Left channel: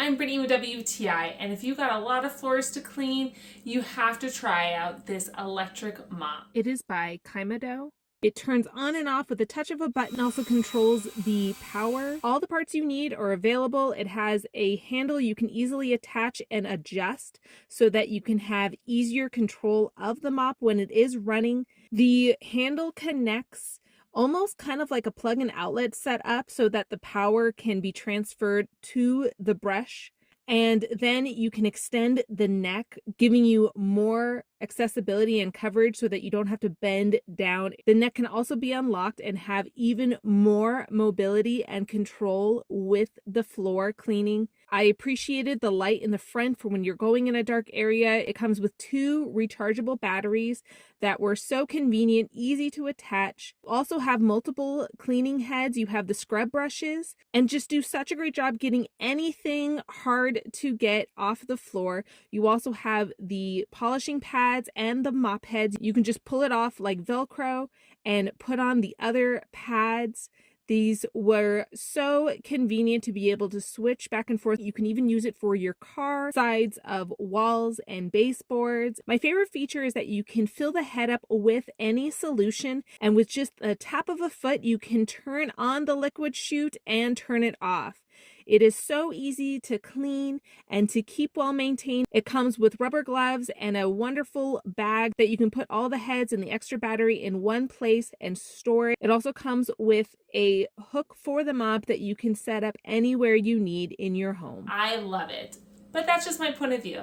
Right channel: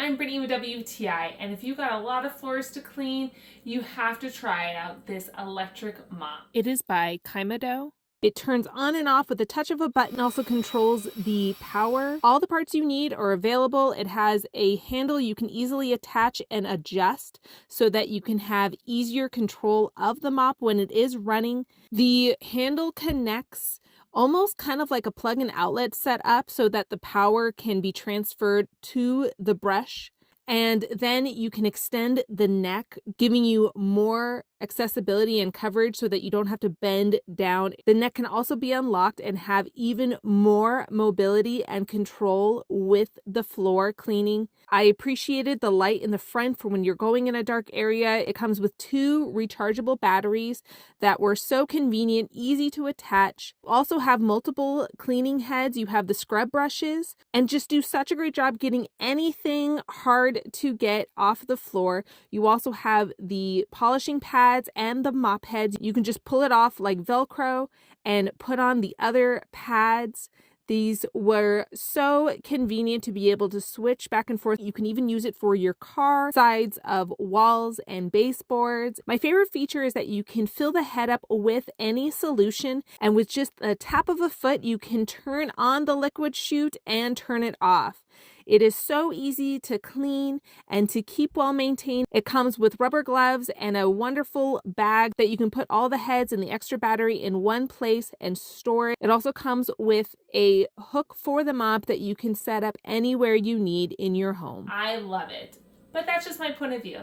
I'm Brittany with WTI, and if you got a lot of floors to clean, you have to try out this electric mop. It is by qimedo. It turns on and off with the touch of a button, also controls the power. All the parts you need are available. It has a handle you can easily attach and adjust so that you can have easier control of the mop when it is running. The handle connects almost kind of like a plug and outlet set up so that the power can be transferred to the brush. And then you can extend the neck, giving you more accessibility and coverage so that you don't have to bend down. The neck can also be unlocked and have even more mobility and control with the floor cleaning. I appreciated the light in the front for when you're going in a dark area. It comes with 2 rechargeable batteries that were so convenient, easy to attach. Also have multiple cleaning heads. You have the scrub brushes and just do such a great job getting anything hard to get off the floor. You also have the polishing pads and the mop heads. You can just pull it off like Velcro and put on the other pads. These were so convenient to be able to switch back and forth. You can even use it for your car, sides of walls and baseboards. My favorite feature is that you can fill the head up with any solution, and with just a tap of a foot, you can turn on the liquid chute and turn it off. It is so easy to clean and to keep well maintained. It comes with rubber gloves and a wonderful bag that you can put all the heads and the extra battery in one place and store it. It also comes with a hook for the mop that you can set up anywhere you need in your home. I love it, but that's just my point of view.